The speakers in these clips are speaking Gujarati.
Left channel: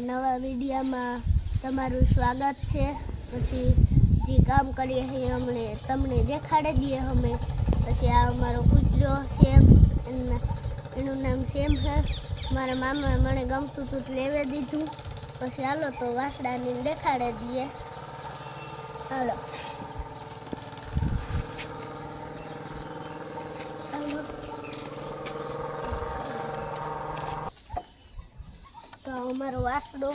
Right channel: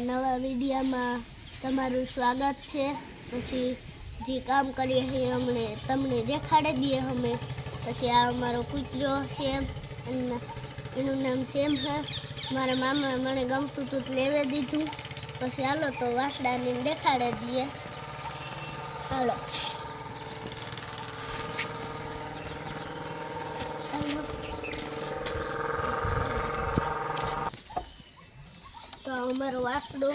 અમારા નવા વિડીયોમાં તમારું સ્વાગત છે। પછી જે કામ કરીએ છીએ અમને તમને દેખાડી દઈએ અમે। પછી આ અમારો કૂતરો સેમ, એનું નામ સેમ છે। મારા મામા મને ગમતું હતું લેવા દીધું। પછી હાલો તો વાસડાને દેખાડી દઈએ। હાલો તો અમારો વાસડો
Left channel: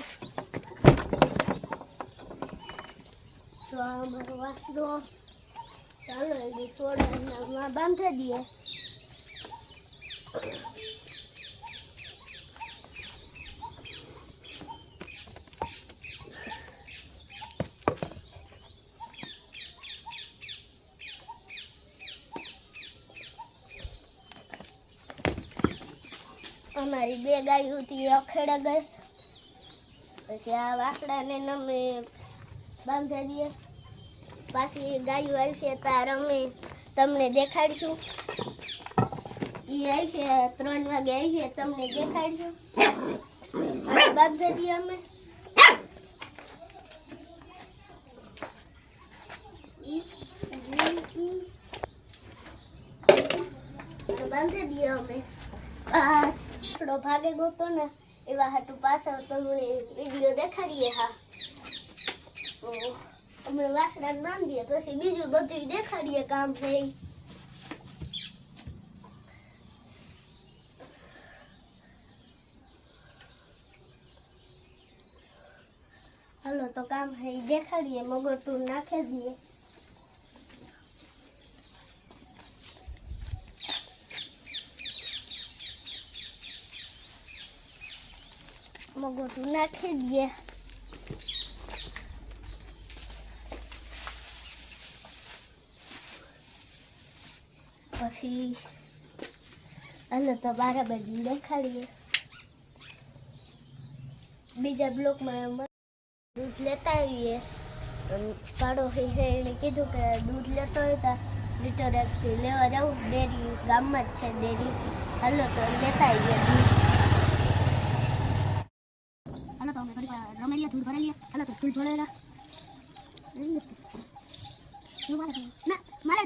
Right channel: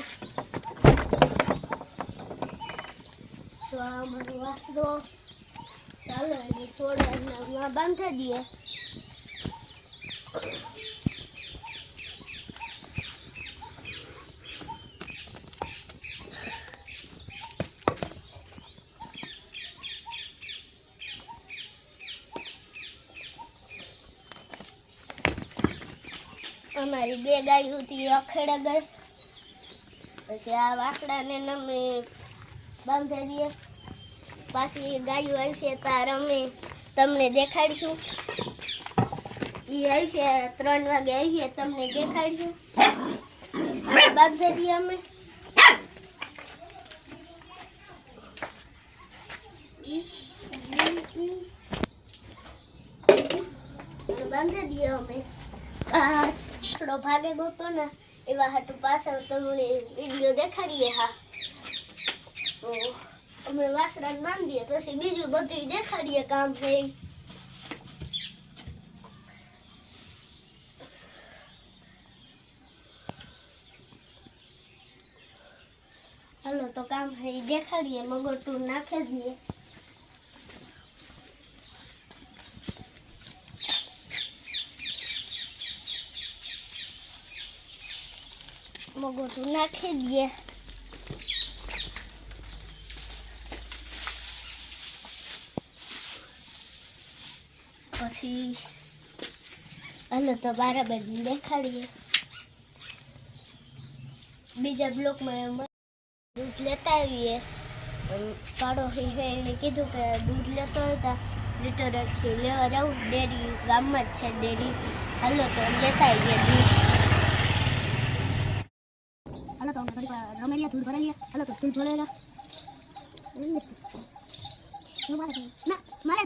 ચાલો એની સોડામાં બાંધી દઈએ। અમારી બે ગાયો હતી અખેડા ગઈ। પછી આ વાસડાને અમે બાંધી દઈએ। પાછી ગાયો આવશે તાર અમે તમને દેખાડીશું। એ આવશે 3 વાગે આવશે તમને દેખાડીશું। બાંધી દઈએ અમે। બાંધી દઈએ અમે। થોડો ભાગે ગયો ને એવા હાટું પાછળ તમને વિડીયો દેખાડીએ। હા તો અમે વાસડાને બાંધીએ પછી બીજું બધું દેખાડીએ કામ છે। હાલો તો કામ છે દેખાડીએ। મગરતું નાખી દઈએ। મગરતું નાખી દઈએ। પછી હાલો તો બરાબર દેખાડીએ। બીજા બ્લોકમાં દૂધ લેતા આવીએ। પાડોશી છે એને કીધું કે દૂધ લેતો હોય લીટર 1 લેવા જાઉં। ડેરી ગામમાં જ છે ડેરી। હાલો તો લેતા આવીએ દૂધ। હાલો તો રમેલિયા દૂધ ભરાઈએ। હાલો તો દૂધ ભરેલા મારે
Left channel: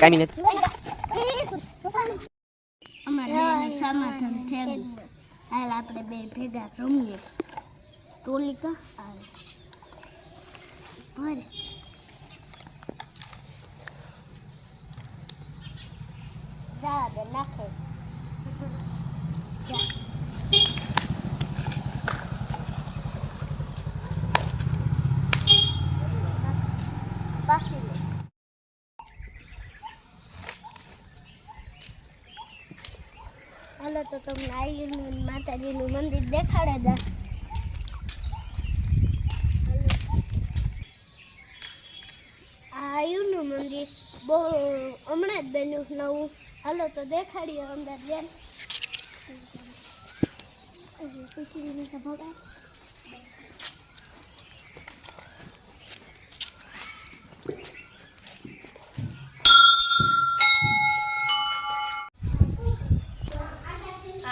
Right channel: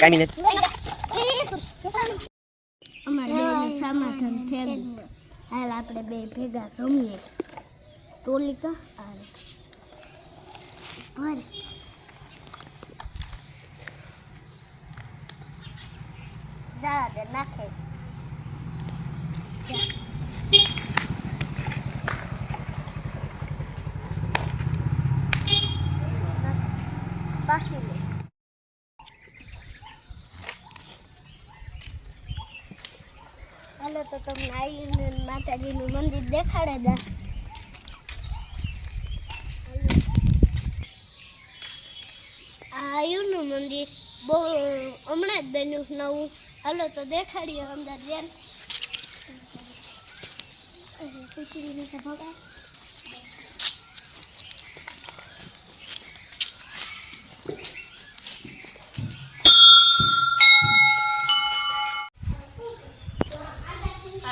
કાઈ મિનિટ અમારે સમાધાન થઈ ગયું। હાલ આપણે બે ભેગા રમીએ। ટોલિકા આવે ભર જા દે નાખે જા પાછી લે। હાલો તો તમને આયુને માતાજીનું મંદિર દેખાડે દા। આયુનું મંદિર બહુ હમણાં જ બન્યું નવું। હાલો તો દેખાડીએ અંદર જેમ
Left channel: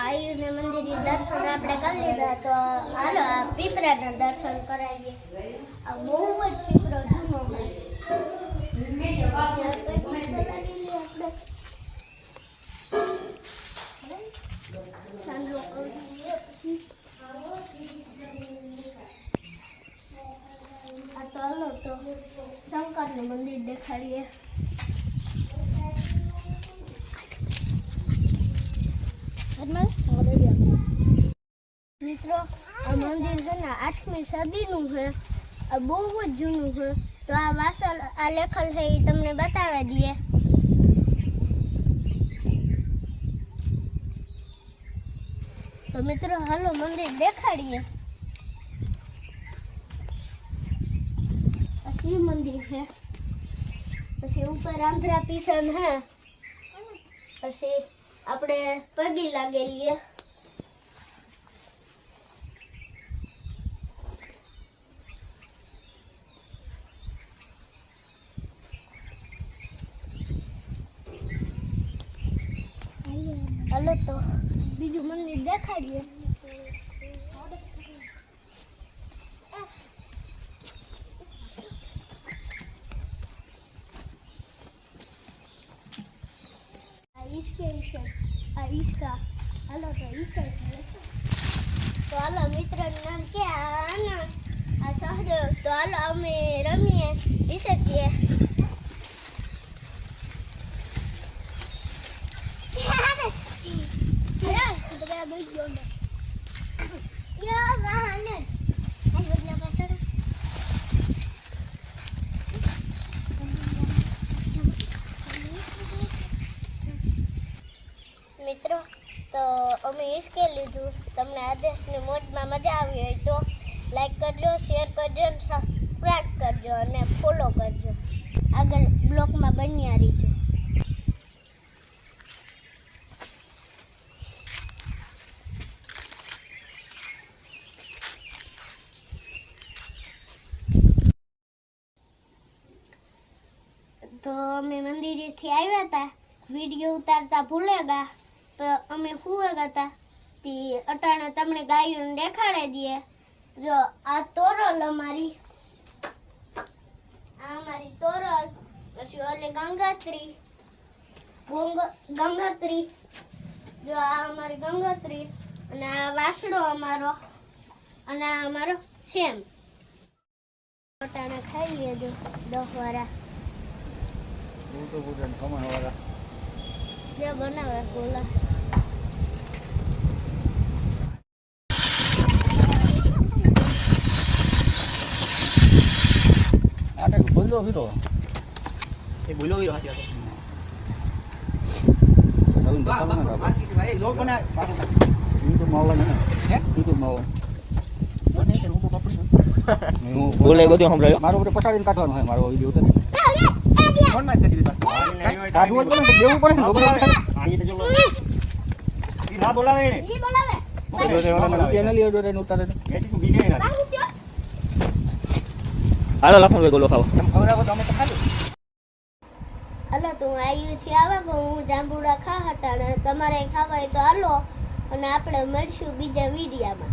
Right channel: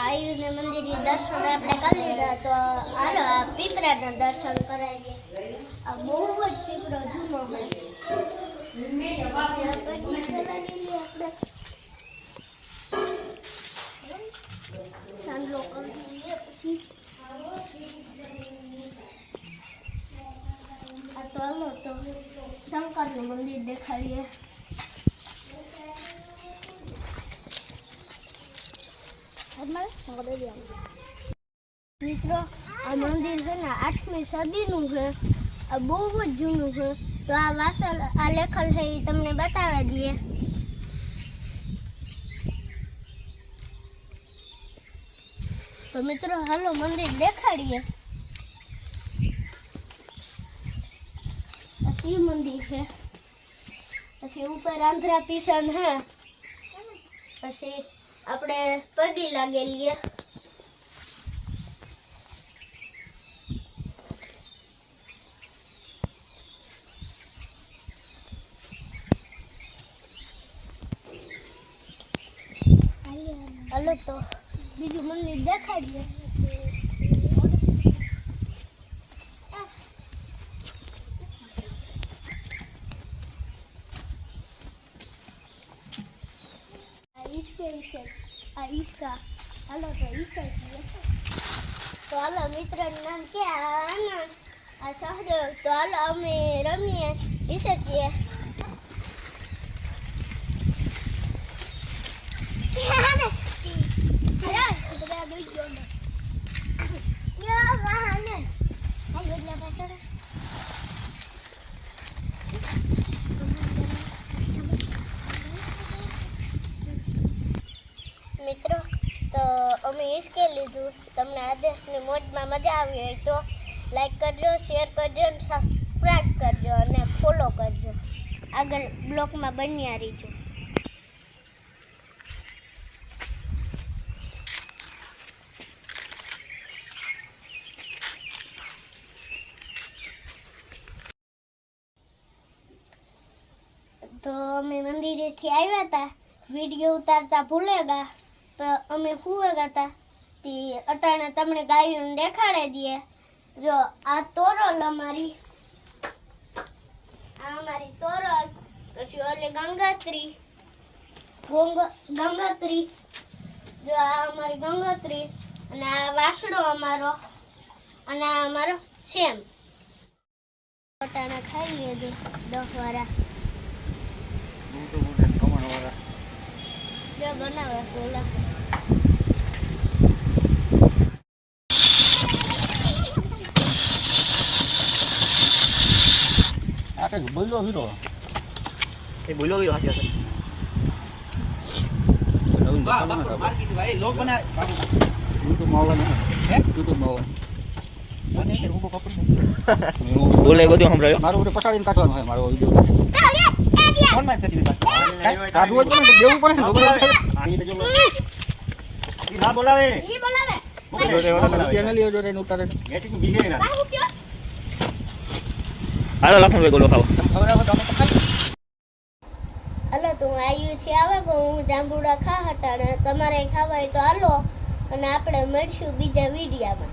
આયુને મંદિર દર્શન આપણે કરી લીધા। તો હાલો આ પીપળાના દર્શન કરાવીએ। આ બહુ જ પીપળો જૂનો હોય। સાંજલો કરી દઈએ પછી દેખાડીએ. મિત્રો આ મંદિર છે ને 8મી સદીનું છે. આ બહુ જ જૂનું છે. તો આ વાસલ આ લેખલ છે એ તમને બતાવી દઈએ. તો મિત્રો હાલો મંદિર દેખાડીએ. શિવ મંદિર છે. પછી ઉપર આંધ્રા પીસન છે. પછી આપણે પગી લાગેલીએ. હાલો તો બીજું મંદિર દેખાડીએ. આ ઈસકા હાલો તો ઈસા તો હાલો મિત્રનું નામ કે આનંદ આ સહદેવ. તો હાલો અમે રમીએ ઈસકીએ. મિત્રો તો અમે હિસકે લીધું. તમને આ દેશની મોજમાં મજા આવી હોય તો લાઈક કરજો, શેર કરજો, સબસ્ક્રાઈબ કરજો અને ફોલો કરજો. આગળ બ્લોગમાં બન્યા રહીજો. તો અમે મંદિરેથી આવ્યા હતા. વિડીયો ઉતારતા ભૂલેગા તો અમે સુવેગા હતા. તે અટાણે તમને ગાયું દેખાડે દઈએ. જો આ તોરલ અમારી, આ અમારી તોરલ. પછી ઓલી ગંગોત્રી, ગંગોત્રી. જો આ અમારી ગંગોત્રી અને આ વાસડો અમારો અને આ અમારો સેમ. અટાણે ખાઈ લેજો 10 વાળા. જો બનાવે બોલા. બોલો વીરો એ બોલો વીરો હાચી છે. માર કીધું ભાઈ લોક બના સીધો માવલા ને હે સીધો માવ મને કે રૂપો કપડું બોલે બધું સંભળાયો. મારો ઉપર પસાડીને કાઢવાનો છે મારો વિડિયો. ફોન માં કરી દીધા કાઢવો તો દેવું પડે ને. આની તો જો ઈ ના બોલાવે, ઈ બોલાવે રૂપિયા ન લે દે ને ઉતારે મેટી બીગે ના. હાલો લખન ગોલો ખાવ તમે ખબર આવે તમે તો ખાલી. હાલો તો હું આયુથી આવે કે હું જાંબુડા ખા હતા ને તમારે ખાવા હોય તો હાલો અને આપણે મળશું બીજા વિડીયામાં.